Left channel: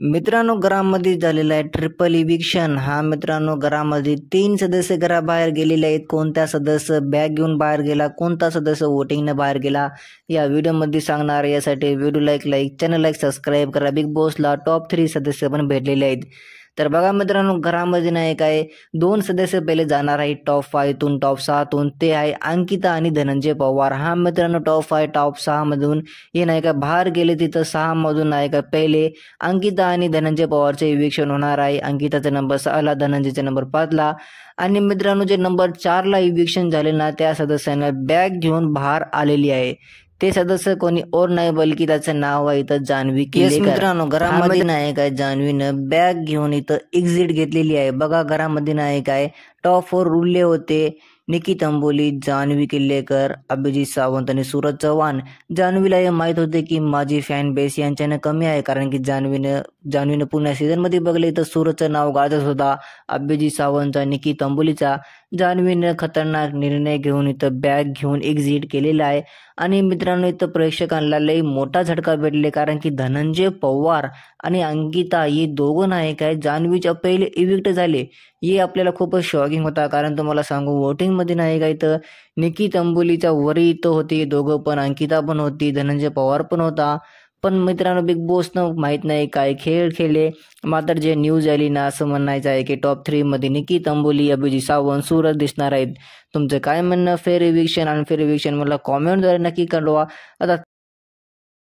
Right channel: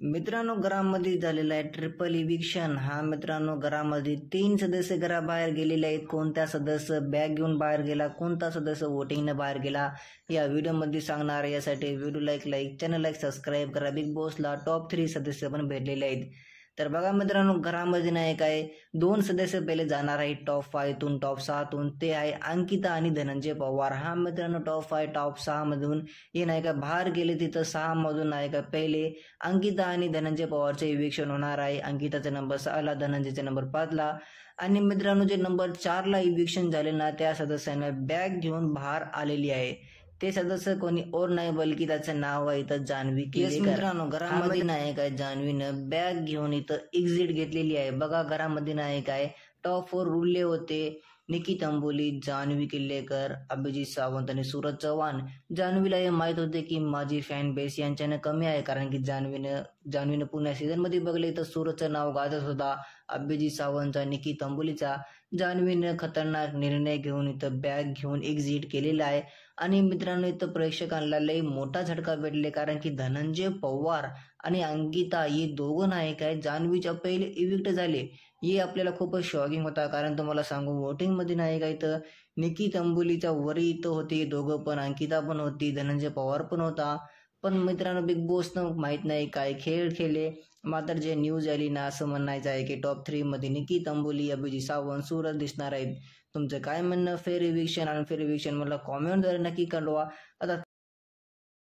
मित्रांनो, घरामध्ये झालेला आहे ट्रिपल इविक्शन। हा मित्रांनो, घरामध्ये 3 सदस्य घराबाहेर गेलेले आहेत। कोणता सदस्य बॅग घेऊन बाहेर गेला, कोणता सदस्य वोटिंगने बाहेर गेला, या व्हिडिओमध्ये सांगणार। यासाठी व्हिडिओला चॅनलला सबस्क्राईब करा। बिग बॉसला टॉप 3 सदस्य पण भेटलेले आहेत। तर बघा मित्रांनो, घरामध्ये नाही काय 2 सदस्य पहिले जाणार आहे टॉप 5तून टॉप 6तून। ते आहे अंकिता आणि धनंजय पवार। हा मित्रांनो, टॉप 5 टॉप 6 मधून हे नाही का बाहेर गेले। तिथं 6 मधून नाही का पहिले अंकिता आणि धनंजय पवारचे इविक्शन होणार आहे। अंकिताचा नंबर 6ला, धनंजयचा नंबर 5ला। आणि मित्रांनो, जे नंबर 4ला इविक्शन झाले ना, त्या सदस्यांना बॅग घेऊन बाहेर आलेली आहे। ते सदस्य कोणी और नाही बल्कि त्याचं नाव आहे इथं जान्हवी किल्लेकर। मित्रांनो, घरामध्ये नाही काय जान्हवीनं बॅग घेऊन इथं एक्झिट घेतलेली आहे। बघा, घरामध्ये नाही काय टॉप 4 उरले होते निकी तंबोली, जान्हवी किल्लेकर, अभिजित सावंत आणि सूरज चव्हाण। जान्हवीला हे माहीत होते की माझी फॅन बेस यांच्यानं कमी आहे, कारण की जान्हवीनं पुन्हा सीझनमध्ये बघले तर सूरजचं नाव गाजत होता, अभिजित सावंतचा, निकी तंबोलीचा। जान्हवीनं खतरनाक निर्णय घेऊन इथं बॅग घेऊन एक्झिट केलेला आहे। आणि मित्रांनो, इथं प्रेक्षकांना लई मोठा झटका भेटले, कारण की धनंजय पवार आणि अंकिता हे दोघं नाही काय जान्हवीच्या पहिले इविक्ट झाले। हे आपल्याला खूपच शॉकिंग होता, कारण तुम्हाला सांगू वोटिंगमध्ये नाही काय तर निकी तंबोलीच्या वरी इथं होते दोघं पण, अंकिता पण होती, धनंजय पवार पण होता। पण मित्रांनो, बिग बॉसनं माहीत नाही काय खेळ खेळले। मात्र जे न्यूज आली ना, असं म्हणायचं आहे की टॉप 3 मध्ये निकी तंबोली, अभिजित सावंत, सूरज दिसणार आहेत। तुमचं काय म्हणणं फेअर इविक्शन अनफेअर इविक्शन मला कॉमेंटद्वारे नक्की कळवा। आता